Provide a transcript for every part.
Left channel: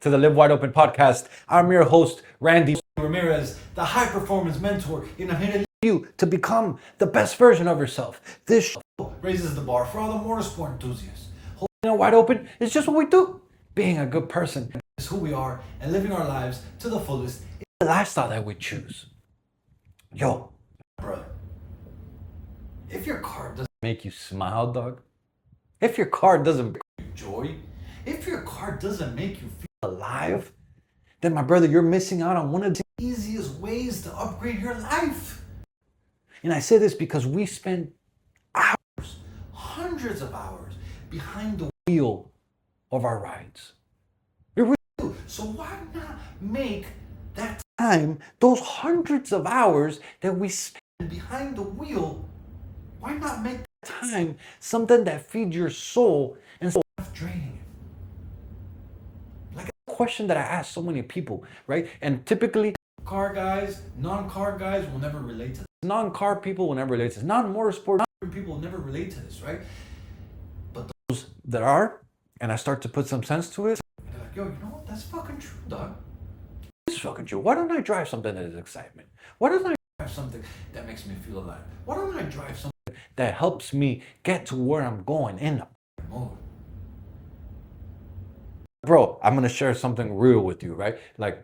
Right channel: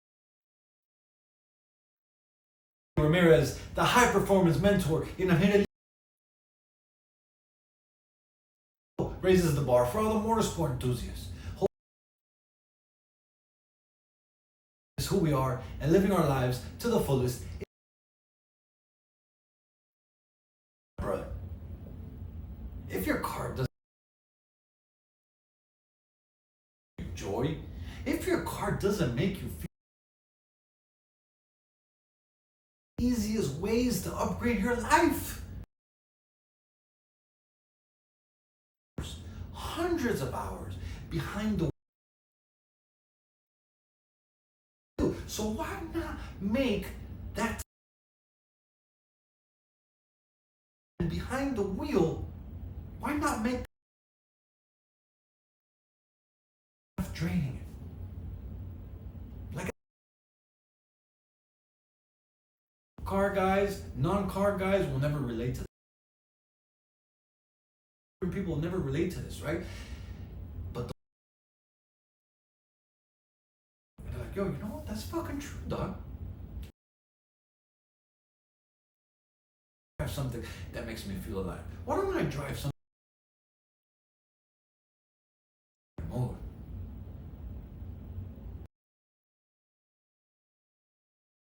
to the Live Wide Open podcast. I'm your host, Randy Ramirez, the high performance mentor, and I'm here to lead you to become the best version of yourself. This show raises the bar for all the motorsport enthusiasts. Holding it wide open is just what we do. Being a good person is who we are, and living our lives to the fullest is the lifestyle that we choose. Yo, brother, if your car doesn't make you smile, dog, if your car doesn't bring you joy, if your car doesn't make you feel alive, then my brother, you're missing out on one of the easiest ways to upgrade your life. And I say this because we spend hours, hundreds of hours behind the wheel of our rides. We really do. So why not make that time, those hundreds of hours that we spend behind the wheel, why not make that time something that feeds your soul instead of draining it? Like a question that I ask so many people, right? And typically, car guys, non-car guys will never relate to this. Non-car people will never relate to this. Non-motorsport people will never relate to this, right? But those that are, and I start to put some sense to it, and they're like, yo, you know what? That's fucking true, dog. It's fucking true. Why don't I drive something that is excitement? Why don't I drive something that makes me feel alive? Why don't I drive something that helps me get to where I'm going in the mode? Bro, I'm gonna share something real with you, right? Like,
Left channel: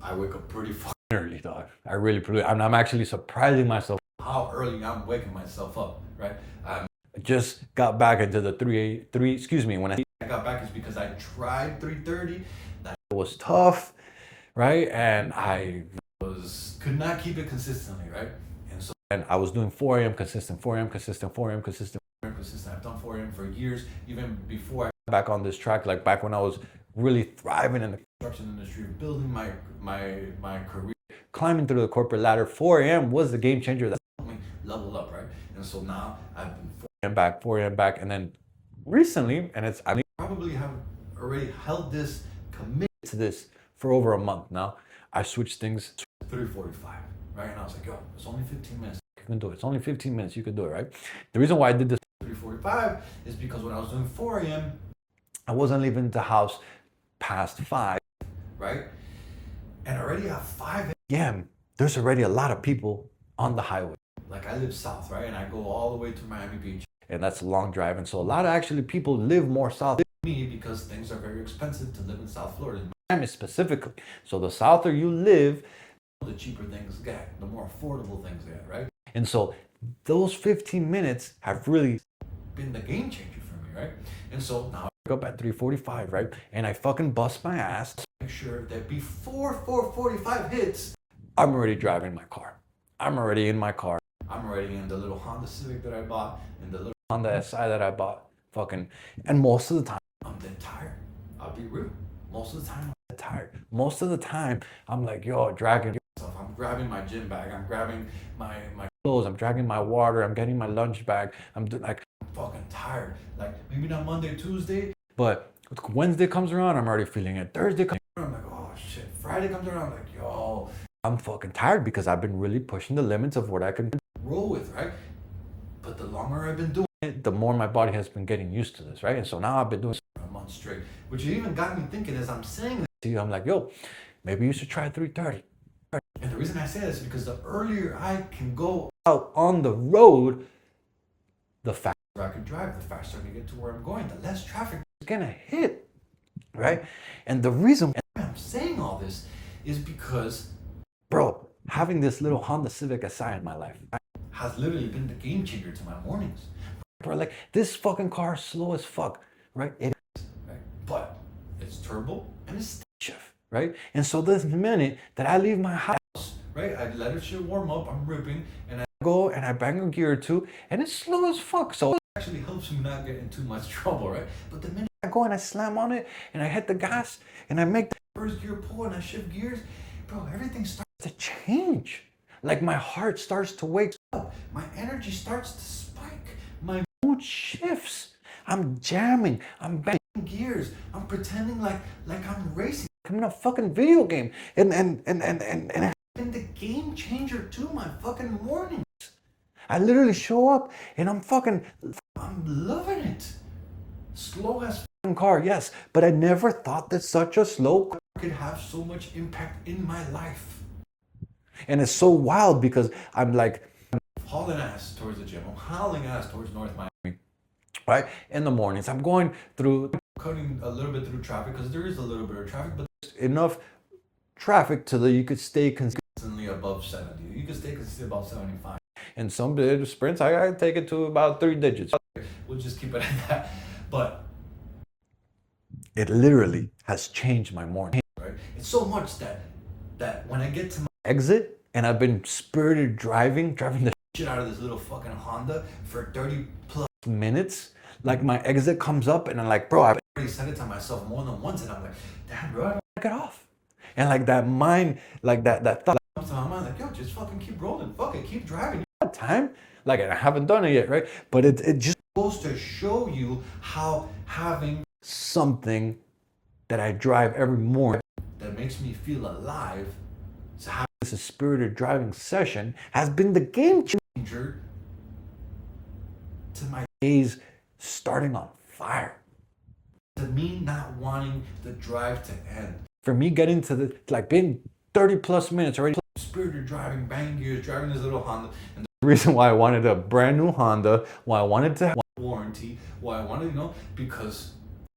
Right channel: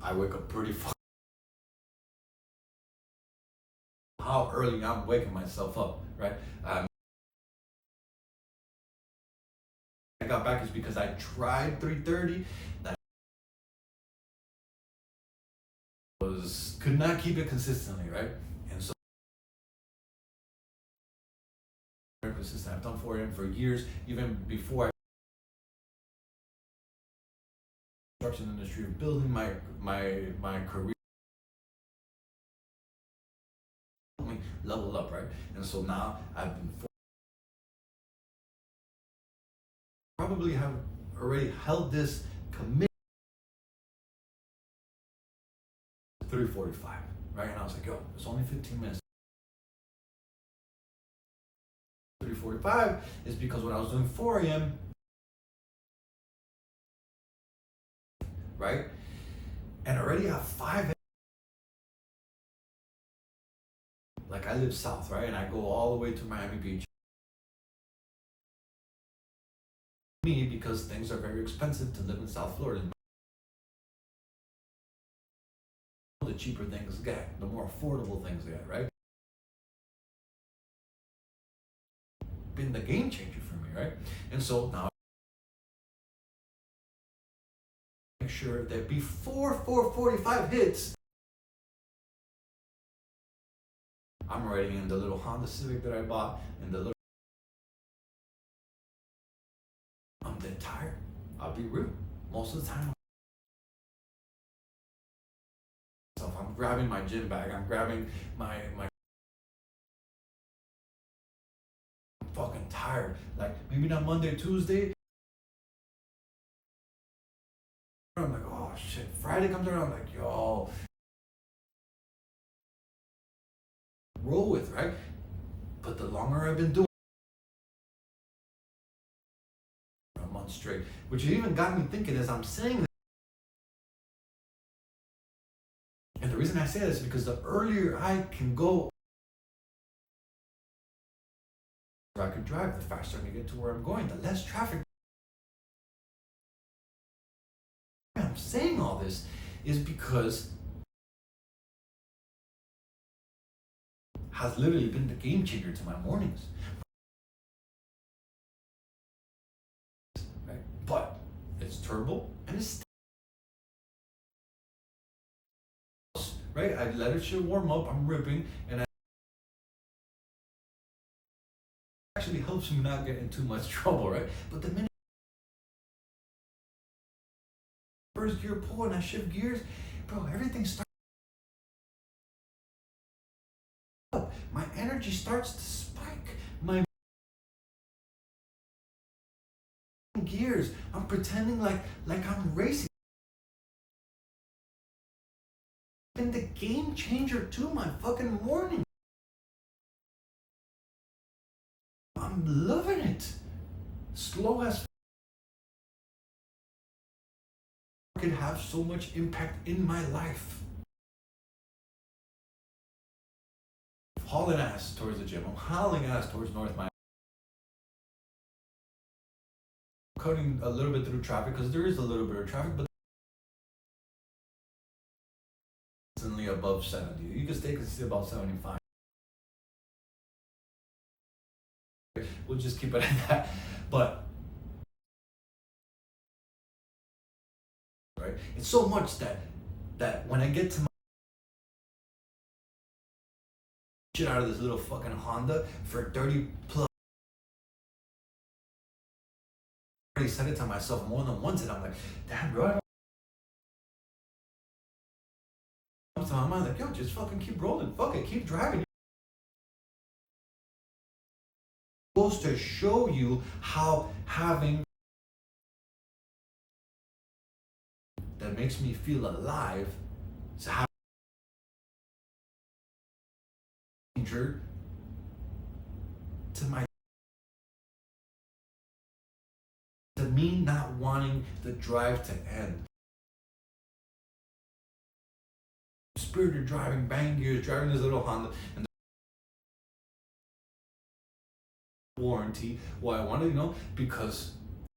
I wake up pretty fucking early, dog. I really, I'm actually surprising myself how early I'm waking myself up, right? I just got back into the when I got back is because I tried 3:30. That was tough, right? And I could not keep it consistently, right? And I was doing 4 a.m. consistent. I've done 4 a.m. for years, even before I got back on this track, like back when I was really thriving in the construction industry, building my career, climbing through the corporate ladder. 4 a.m. was the game changer that helped me level up, right? And so now I've been 4 a.m. back, and then recently, and I probably have already held this committed to this for over a month now. I switched things to 3:45, right? And I was like, yo, it's only 15 minutes. You can do it. It's only 15 minutes. You can do it, right? The reason why I did this 3:45 is because when I was doing 4 a.m., I wasn't leaving the house past 5, right? And already at 5 a.m., there's already a lot of people on the highway. Like I live south, right? And I go all the way to Miami Beach. And that's a long drive. And so a lot of actually people live more south than me because things are very expensive to live in South Florida, in Miami specifically. So the souther you live, the cheaper things get, the more affordable things get, right? And so those 15 minutes have really been the game changer for me, right? And so now I wake up at 3:45, right? And I fucking bust my ass to make sure that before 4:45 hits, I'm already driving my car. I'm already in my car. I'm already in the little Honda Civic that I bought and the little Honda SI that I bought. And most of the time, I'm dead tired. I'll be real. Most of the time, I'm dead tired. Most of the time, I'm like, yo, dragging myself. I'm grabbing my gym bag. I'm grabbing my clothes. I'm dragging my water. I'm getting my lunch bag. I'm fucking tired. Like maybe not Monday, Tuesday, but Wednesday comes around, I'm already feeling it. Thursday comes around, I'm like, oh shit. Friday comes around, I'm like, yo, I'm fucking tired because I've been really pushing the limits of what I can roll with, right? But the longer I've been doing it, the more my body has been getting used to this, right? And so now I've been doing it for a month straight, which even got me thinking as I'm saying this to you, I'm like, yo, maybe you should try 3:30. And the reason I say this is because the earlier I can go out on the road, the faster I can drive, the faster I can get to where I'm going, the less traffic is gonna hit, right? And the reason I'm saying all this is because, bro, having this little Honda Civic SI in my life has literally been the game changer to my mornings. Bro, like this fucking car is slow as fuck, right? It is, right? But it's turbo and it's stick shift, right? And so this minute that I leave my house, right, I let it shit warm up, I'm ripping, and I go and I bang a gear or two, and it's slow as fuck. So it actually helps me not get in too much trouble, right? But the minute I go and I slam on it and I hit the gas and I make the first gear pull and I shift gears, bro, everything starts to change. Like my heart starts to wake up, my energy starts to spike, my mood shifts. I'm jamming, I'm banging gears, I'm pretending like I'm racing. I'm in a fucking video game, and it's been the game changer to my fucking mornings. I literally show up and I'm loving it. Slow as car, yes, but I never thought that such a slow car could have so much impact in my life. And it's so wild because I'm like hauling ass towards the gym. I'm hauling ass towards North Miami, right? In the mornings, I'm going through, cutting a little bit through traffic because there is a little bit of traffic, but enough traffic to that you could stay consistently above 70. You could stay consistently above 75. And some sprints, I gotta take it to about 3 digits. We'll just keep it at that. But it literally has changed my morning, right? It's so much that when I get to my exit and I've been spirited driving the shit out of this little fucking Honda for 30 plus minutes, like my exit comes up and I'm like, bro, I've already said it to myself more than once and I'm like, damn, bro, I don't want to get off. And like that mind, like that thought comes to my mind, like, yo, just fucking keep rolling, fuck it, keep driving. You got time? Like, I haven't done it yet, right? But it just goes to show you how having something that I drive every morning that makes me feel alive, so having this spirited driving session has been the game changer to my days starting on fire. To me not wanting the drive to end. For me getting to the, like being 30 plus minutes already spirited driving, banging gears, driving this little Honda. And the reason why I wanted a brand new Honda, why I wanted to have warranty, why I wanted, because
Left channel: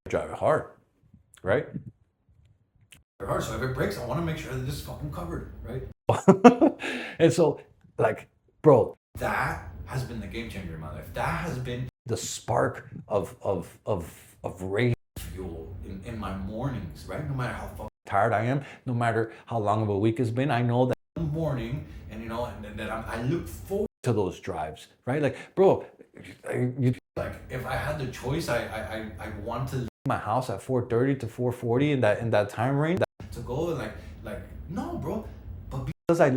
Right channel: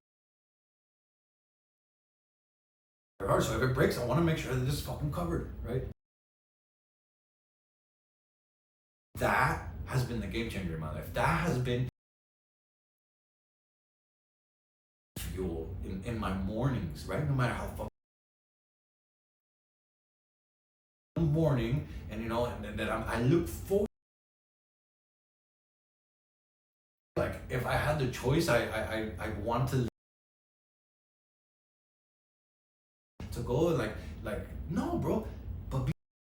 I drive it hard, right? So if it breaks, I want to make sure that this is fucking covered, right? And so, like, bro, that has been the game changer in my life. That has been the spark of rage fuel in my mornings, right? No matter how fucking tired I am, no matter how long of a week it's been, I know that in the morning, and that I look forward to those drives, right? Like, bro, like if I had the choice, I want to leave my house at 4:30 to 4:40 in that time range to go and like no, bro, but because I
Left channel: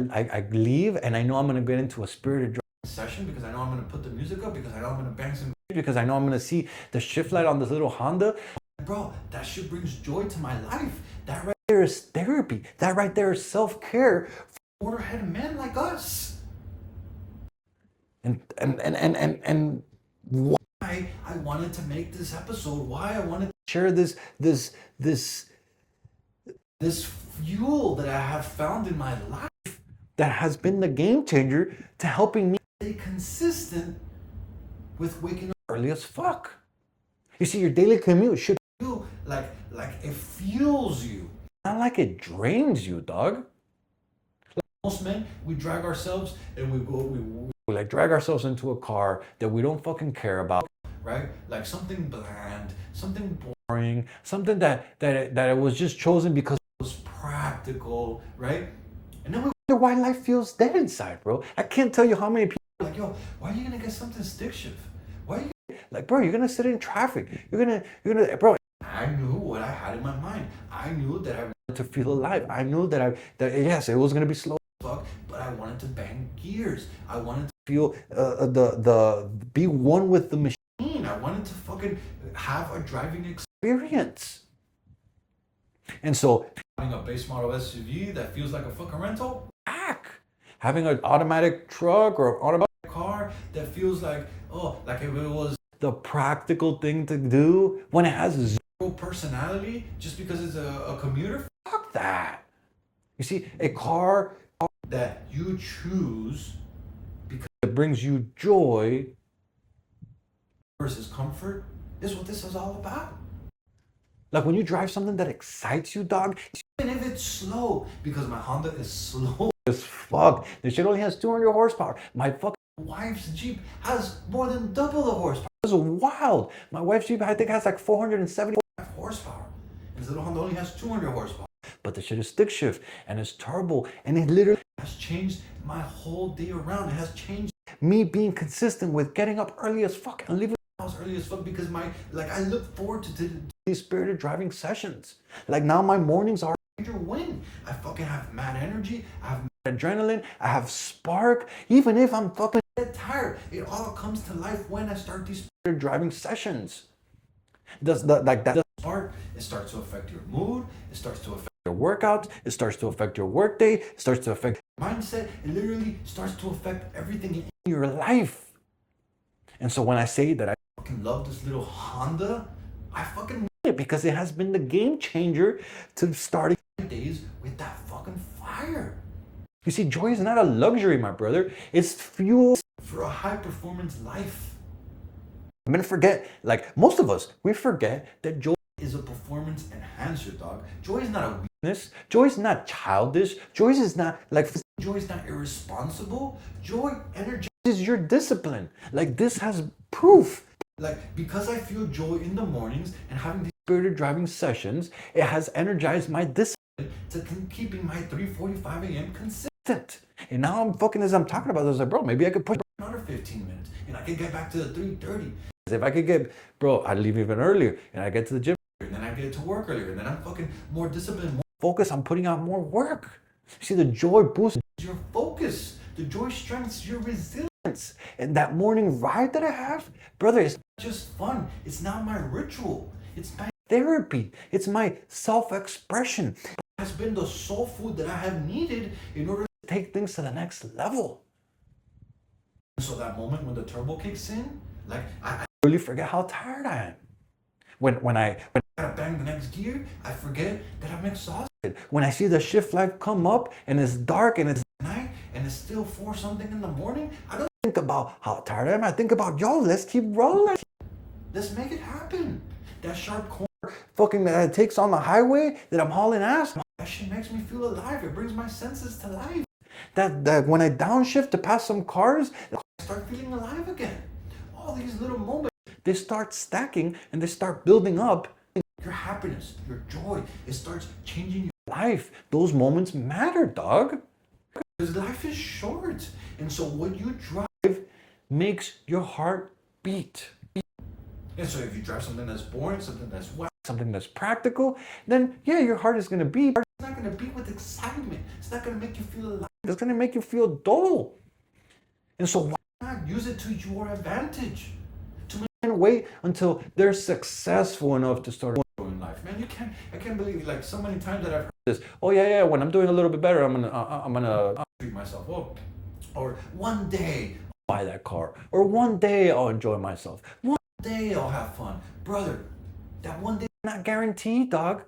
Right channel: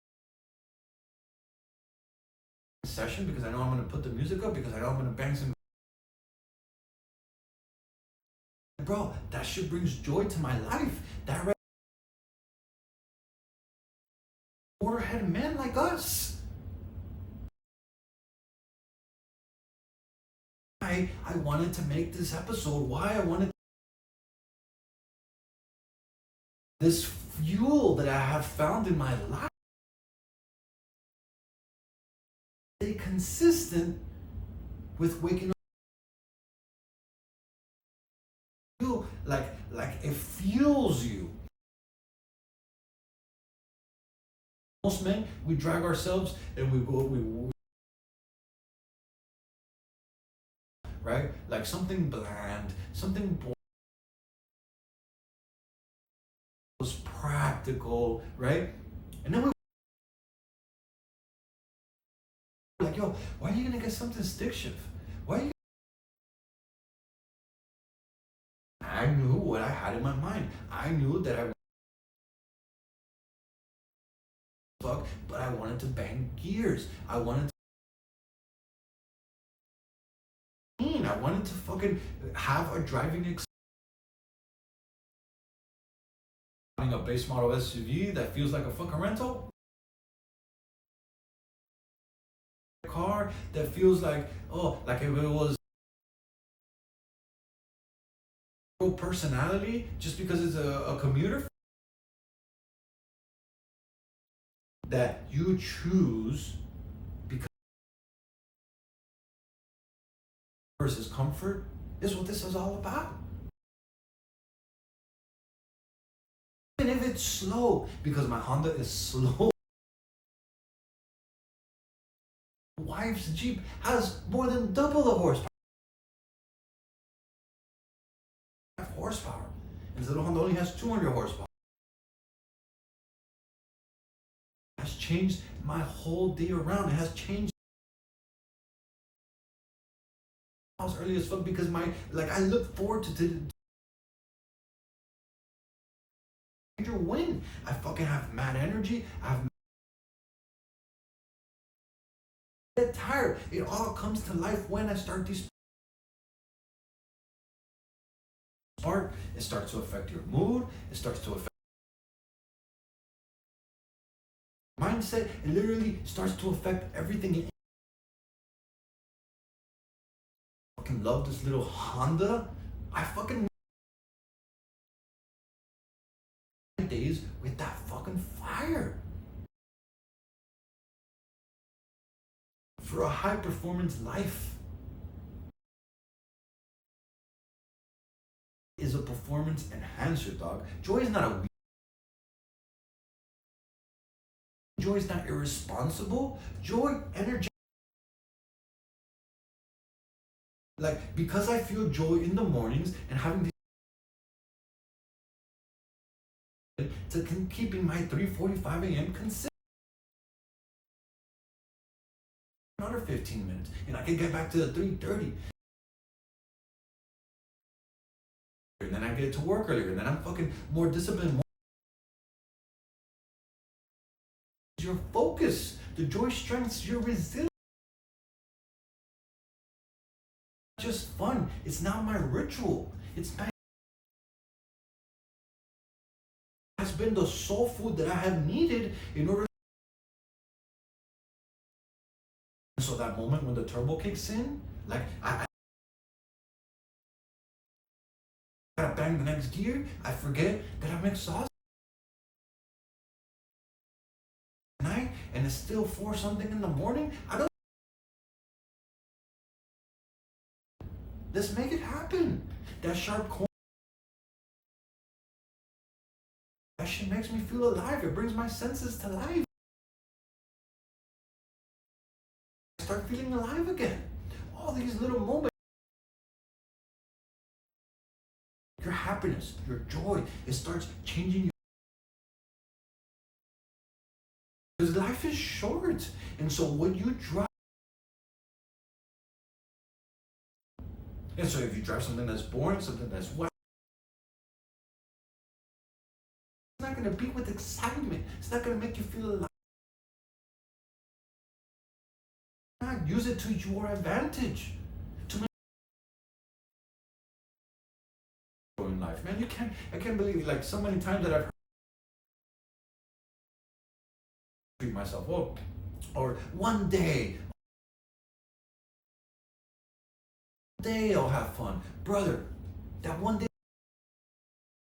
leave and I know I'm gonna get into a spirited driving session, because I know I'm gonna put the music up, because I know I'm gonna bang some, because I know I'm gonna see the shift light on this little Honda, bro, that shit brings joy to my life. That right there is therapy. That right there is self-care for motorhead men like us. And why I wanted to make this episode, why I wanted to share this fuel that I have found in my life that has been the game changer to helping me stay consistent with waking up early as fuck. You see, your daily commute should feel like it fuels you, not like it drains you, dog. Like most men, we drag ourselves and we like drag ourselves into a car that we don't fucking care about, right? Like something bland, something boring, something that it was just chosen because it was practical, right? And then we wonder why life feels dead inside, bro. I can't tell you how many people are like, yo, why are you gonna get something stick shift? Why are you like, bro, you're gonna sit in traffic. You're gonna, bro. I knew what I had in my mind. I knew that I wanted to feel alive. I knew that yes, it was gonna be slow as fuck, but I wanted to bang gears. I wanted to feel be one with the machine. I wanted to fucking have a driving experience. And so having a base model SUV that feels like a fucking rental, having an automatic truck or automatic car that feels like, like if it was the practical thing to do when it has zero personality just because it's a commuter, fuck that. You see, a car that you choose because it brings you joy versus comfort is what this is all about. Like when you drive something that excites you, dog, even if it's slow, because my Honda is slow as fuck. This shit only has 200 horsepower. My fucking wife's Jeep has more than double the horsepower. This is wild. My wife's Jeep, I think, has like 475 horsepower. And this little Honda only has 200 horsepower. But the shit is stick shift and it's turbo, and it literally has changed my whole day around. It has changed me being consistent with getting up early as fuck and leaving the house early as fuck, because I look forward to these spirited driving sessions. Like now my mornings are a major win. I fucking have mad energy. I have mad adrenaline. I have spark. Even if I'm fucking dead tired, it all comes to life when I start these spirited driving sessions. That spark, it starts to affect your mood. It starts to affect your workouts. It starts to affect your workday. It starts to affect your mindset. It literally starts to affect everything in your life. And so when I say that I fucking love this little Honda, I fucking because it has been the game changer to starting days with that fucking fire. You see, joy is not a luxury, my brother. It's fuel for a high performance life. I'm gonna forget, like most of us, we forget that joy is a performance enhancer, dog. Joy is not a weakness. Joy is not childish. Joy is not like, joy is not irresponsible. Joy energizes your discipline. Like this has proof. Like because I feel joy in the mornings and having these spirited driving sessions, it has energized my discipline to keeping my 3:45 a.m. consistent. And now I'm fucking, as I'm talking about this, like, bro, maybe I could push another 15 minutes and I could get back to the 3:30. If I could get, bro, I'd leave even earlier and I get to the gym and then I get to work earlier and then I'm fucking more disciplined, more focused on putting out more work. See, the joy boosts your focus. The joy strengthens your resilience. And that morning ride that I have, brother, it's not just fun. It's not my ritual. It's my therapy. It's my self-expression. It has been the soul food that I have needed in order to take things to the next level. So that moment when the turbo kicks in, like I really forget how tired I am. When I gotta bang the next gear, I forget that I'm exhausted. When I see the shift light come up and it's dark and it's night and it's still 4 something in the morning, I don't think about how tired I am. I think about, yo, let's keep rolling. Let's make it happen. That sharp corner fucking that it takes on the highway that I'm hauling ass, that shit makes me feel alive. It brings my senses to life. That when I downshift to pass some cars, I start feeling alive again. All these little moments, they start stacking and they start building up. Your happiness, your joy, it starts changing your life. Those moments matter, dog. Because life is short. And so what you drive makes your heart beat. And so if you drive something that's boring, something that's wet, something that's practical, then yeah, your heart is going to beat. It's not going to beat with excitement. It's not going to make you feel alive. It's going to make you feel dull. And so why not use it to your advantage? To wait until they're successful enough to start in life. Man, I can't believe, like, so many times that I've heard this. Oh yeah, when I'm doing a little bit better, I'm gonna treat myself up. Or one day I'll buy that car. Or one day I'll enjoy myself. One day I'll have fun. Brother, that one day is not guaranteed, dog.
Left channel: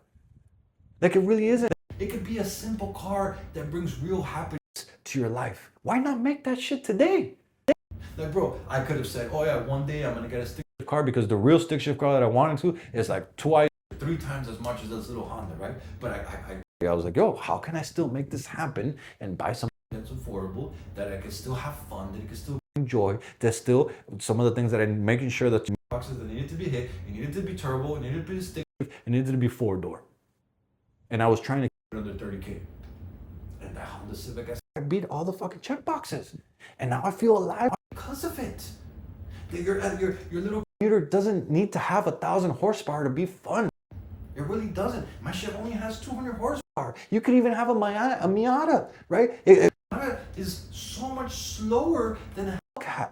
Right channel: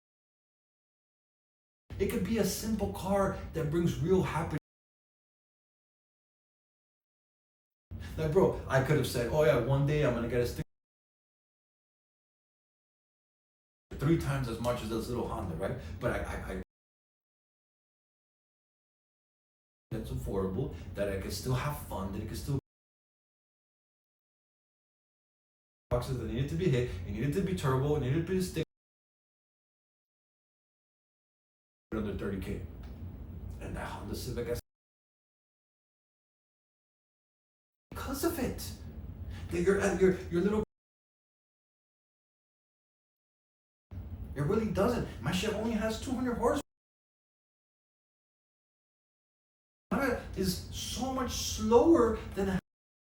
Like it really isn't. It could be a simple car that brings real happiness to your life. Why not make that shit today? Like, bro, I could have said, oh yeah, one day I'm gonna get a stick shift car because the real stick shift car that I wanted to is like 3 times as much as this little Honda, right? But I was like, yo, how can I still make this happen and buy something that's affordable, that I can still have fun, that I can still enjoy, that still some of the things that I'm making sure that boxes that needed to be hit, it needed to be turbo, it needed to be stick shift, it needed to be 4-door. And I was trying to keep it under 30K. And that Honda Civic, I beat all the fucking check boxes. And now I feel alive because of it. That your little commuter doesn't need to have 1,000 horsepower to be fun. It really doesn't. My shit only has 200 horsepower. You could even have a Miata, right? Miata is so much slower than a Hellcat.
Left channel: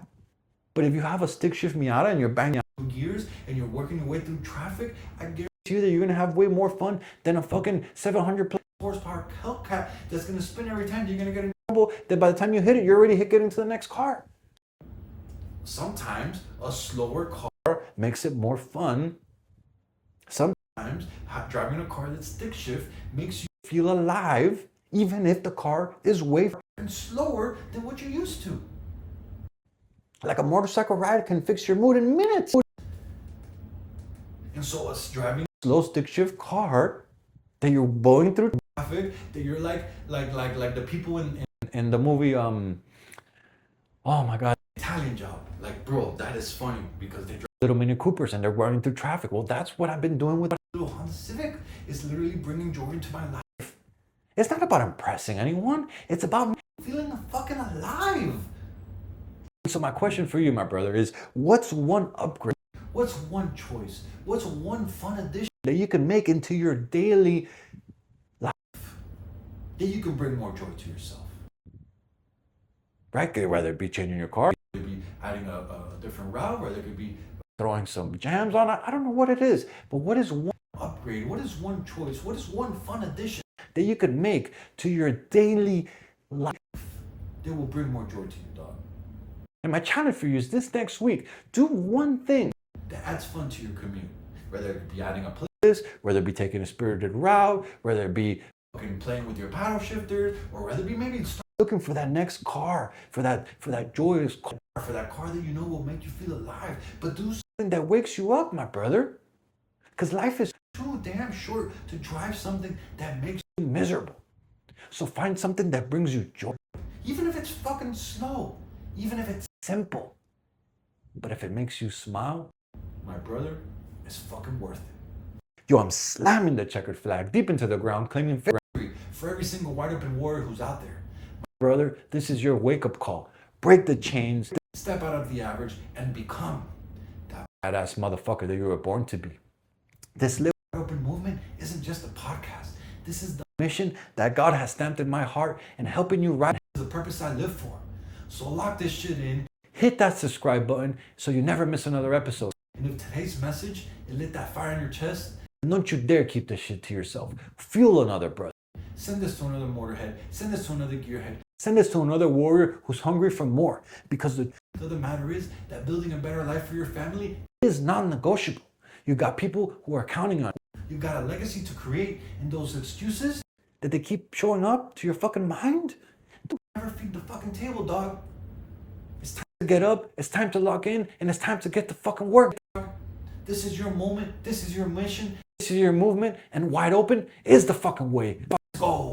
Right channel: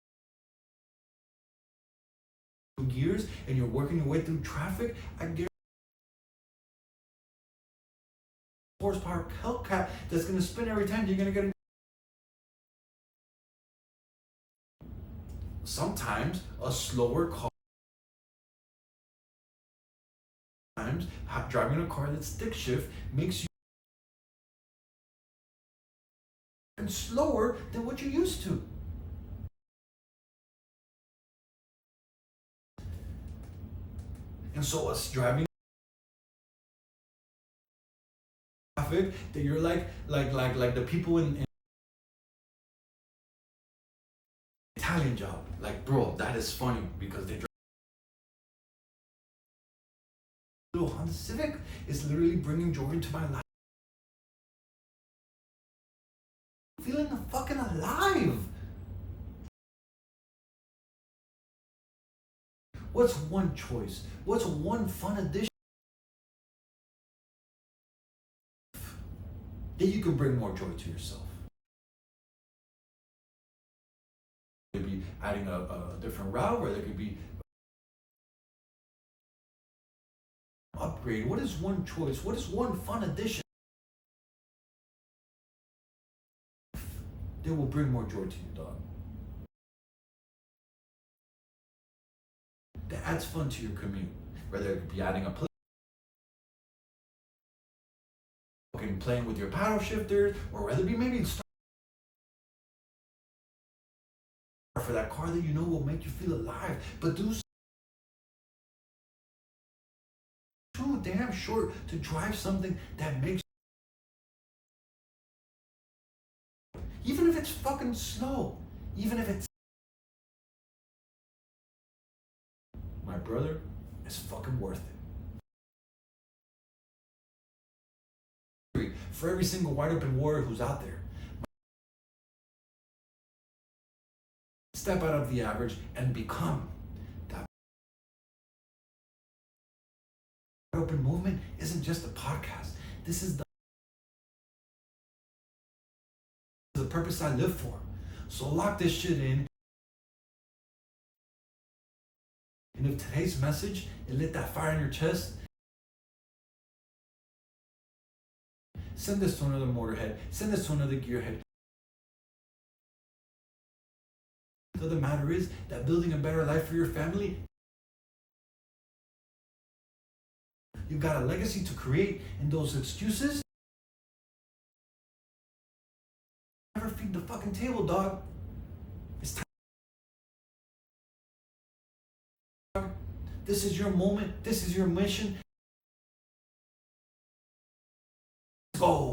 But if you have a stick shift Miata and you're banging out gears and you're working your way through traffic, I guarantee you that you're gonna have way more fun than a fucking 700 horsepower Hellcat that's gonna spin every time. You're gonna get in trouble that by the time you hit it, you're already getting to the next car. Sometimes a slower car makes it more fun. Sometimes driving a car that's stick shift makes you feel alive, even if the car is way slower than what you're used to. Like a motorcycle ride can fix your mood in minutes. And so us driving a slow stick shift car that you're going through traffic, that you're like the people in the movie, oh my God, Italian Job. Like, bro, that is funny because they drive little Mini Coopers and they're running through traffic. Well, that's what I've been doing with the little Honda Civic. It's literally bringing joy into my life. It's not about impressing anyone. It's about feeling fucking alive. So my question for you, my brother, is what's one upgrade? What's one choice? What's one fun addition that you can make into your daily life that you can bring more joy to yourself? Right? Whether it be changing your car, it could be adding a different route, or it could be throwing some jams on it. I don't know what it is, but what is one upgrade? What is one choice? What is one fun addition that you could make to your daily life that will bring more joy to you, dog? And my challenge for you is this next week, do one thing that adds fun to your commute. Whether it could be adding a this, whether it be taking a spirited route, whether it be fucking playing with your paddle shifters, or whether it be maybe looking for that next car, for that joyous car, for that car that you know will make you feel alive. But do something that wakes you up, my brother. Because life is too damn short to drive something that makes you miserable. So find something that brings you joy. Even if it's fucking slow, even if it's simple. But if it makes you smile, my brother, it's fucking worth it. Yo, I'm slamming the checkered flag deep into the ground, claiming victory for every single wide open warrior who's out there. My brother, this is your wake-up call. Break the chains, step out of the average, and become that badass motherfucker that you were born to be. This wide open movement isn't just a podcast. This is the mission that God has stamped in my heart and helping you ride the purpose I live for. So lock this shit in. Hit that subscribe button so you never miss another episode. And if today's message, it lit that fire in your chest, don't you dare keep this shit to yourself. Fuel another brother. Send this to another motorhead. Send this to another gearhead. Send this to another warrior who's hungry for more. Because the truth of the matter is that building a better life for your family is non-negotiable. You got people who are counting on you. You got a legacy to create, and those excuses that they keep showing up to your fucking mind, don't ever feed the fucking table, dog. It's time to get up, it's time to lock in, and it's time to get to fucking work. This is your moment, this is your mission, this is your movement, and wide open is the fucking way. Let's go.